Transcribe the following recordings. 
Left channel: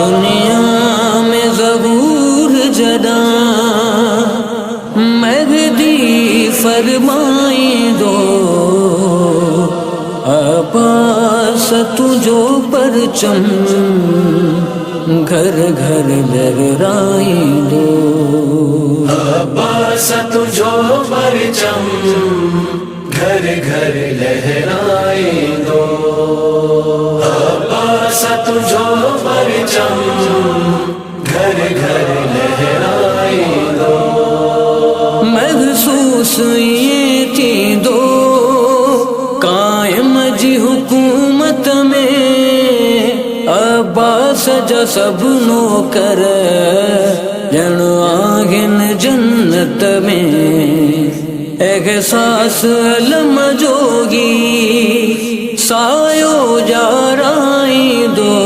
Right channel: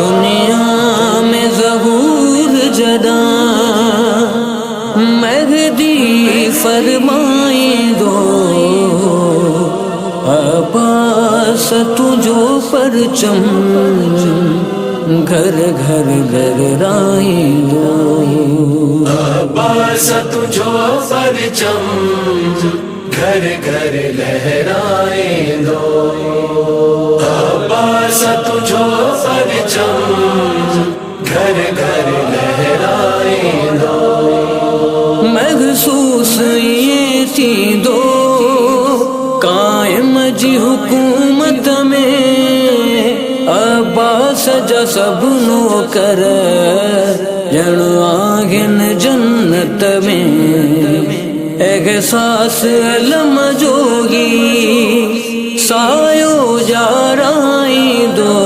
दुनिया में ज़हूर जदा मेहदी फरमाई दो, अब्बास तुझो परचम घर घर लहराई दो। अब्बास तुझो परचम घर घर लहराए दो। अब्बास तुझो परचम घर घर लहराए दो। महसूस ये थी दो कायम जी हुकूमत में, अब्बास जा सब नौकर जण आहिन जन्नत में। एहसास अलम जोगी सायो जाराई दो।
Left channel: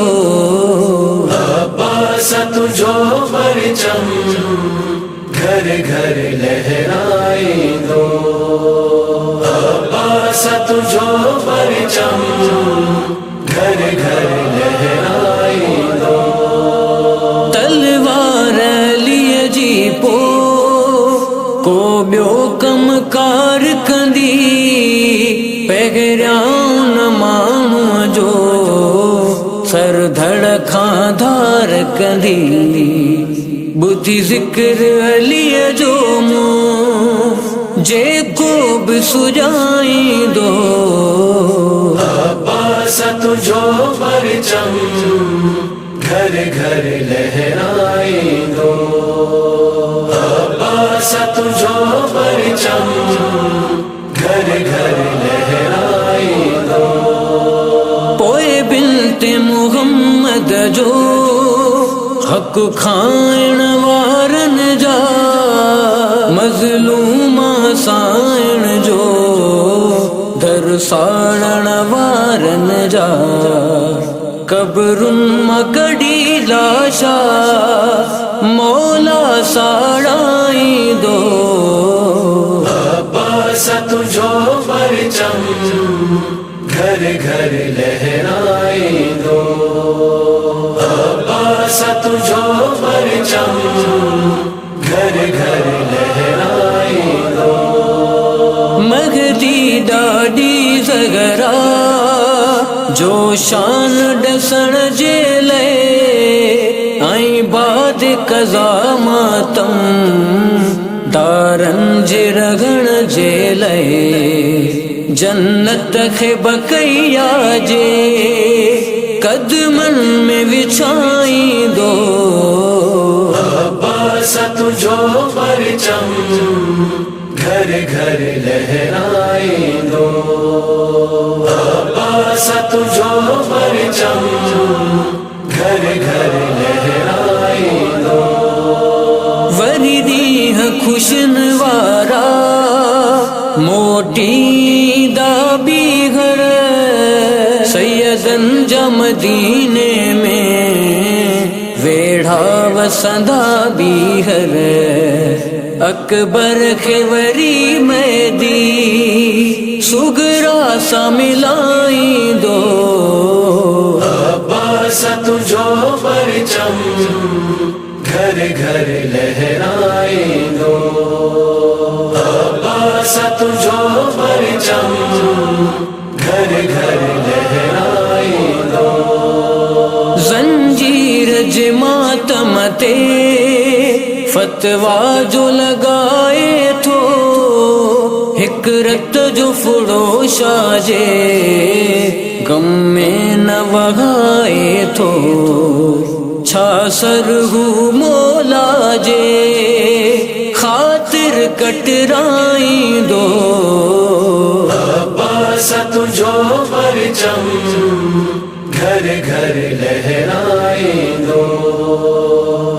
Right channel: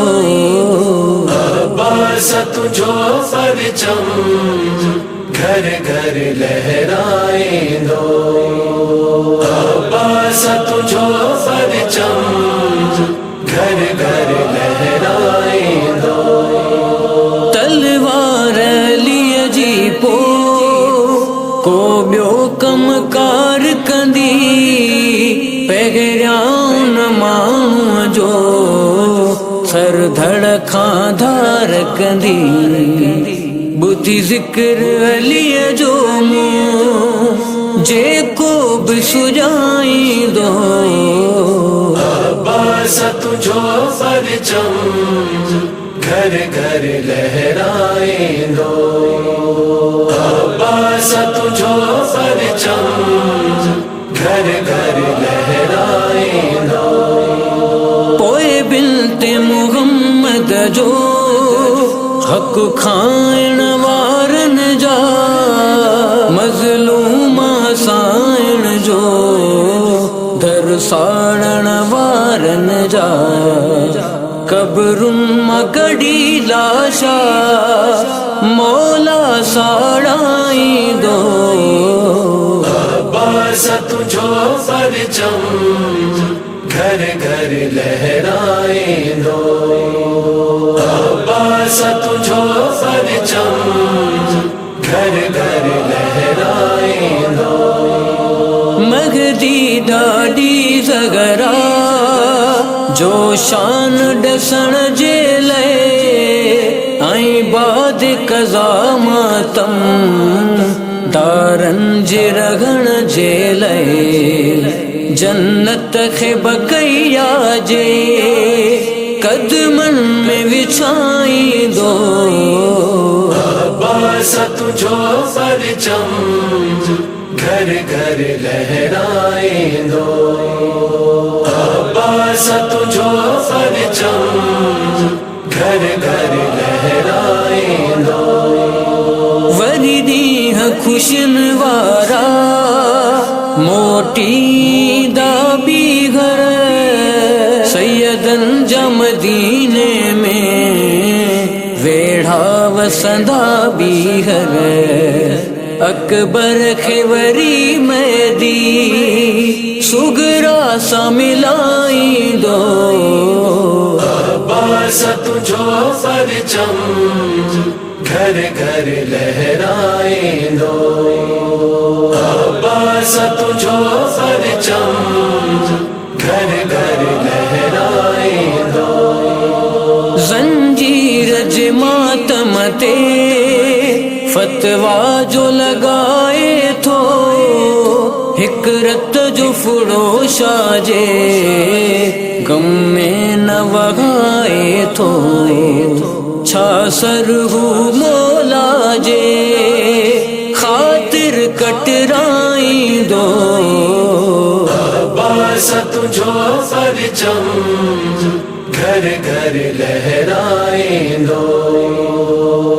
अब्बास तुझो परचम घर घर लहराए दो। अब्बास तुझो परचम घर घर लहराए दो। तलवार लिए जी पो को ॿियो कम कार कंदी, पहिरियां न माण्हूअ जो सर धड़ खां धार कंदी। ॿुधी ज़िक्र अलीअ जो मुंहुं जेको बि सुॼाईंदो। अब्बास तुझो परचम घर घर लहराए दो। अब्बास तुझो परचम घर घर लहराए दो। पोए बिन्ते मुहम्मद जो हक़ खाइण वारन जा, मज़लूमा साइण जो दर साड़ण वारन जा। कब्रुन मां कढी लाशा मौला साड़ाई दो। अब्बास तुझो परचम घर घर लहराए दो। अब्बास तुझो परचम घर घर लहराए दो। मगदी डाडी ज़गरा जो शान डसण जे लए, आई बाद कज़ा मातम दारन जे रगण जे लए। जन्नत खे बकैया जे कदमन में विछाई दो। अब्बास तुझो परचम घर घर लहराए दो। अब्बास तुझो परचम घर घर लहराए दो। वरी ॾींह खुशन वारा मोटी दाबी घर, सैयदन जा मदीने में वेढ़ा वसंदा बीहर। अकबर खे वरी मैदी सुगरा सा मिलाई दो। अब्बास तुझो परचम घर घर लहराए दो। अब्बास तुझो परचम घर घर लहराए दो। जंजीर जे मातम ते फतवा जो लगाए थो, हिक रत जो फुड़ोशा जे गम में न वहाए थो। छा सरहू मौला जे खातिर कटराई दो। अब्बास तुझो परचम घर घर लहराए दो।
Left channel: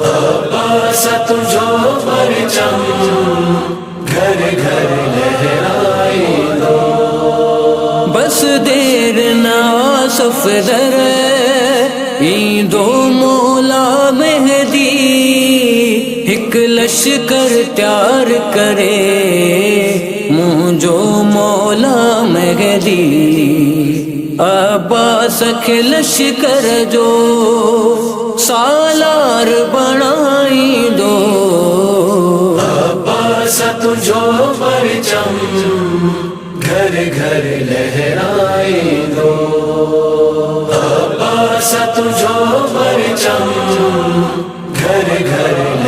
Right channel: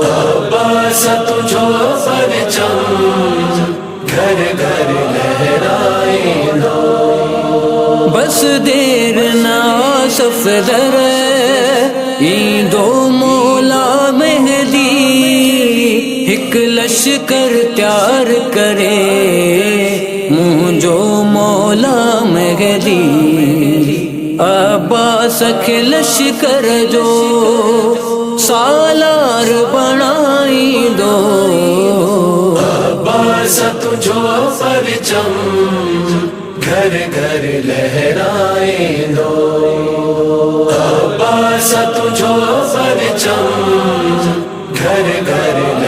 अब्बास तुझो परचम घर घर लहराए दो। बस देर ना सफदर ईंदो मौला मेहदी, हिक लश्कर तैयार करे मुंहिंजो मौला मेहदी। अब्बास के लश्कर जो सालार बनाई दो। अब्बास तुझो परचम घर घर लहराए दो। अब्बास तुझो परचम घर घर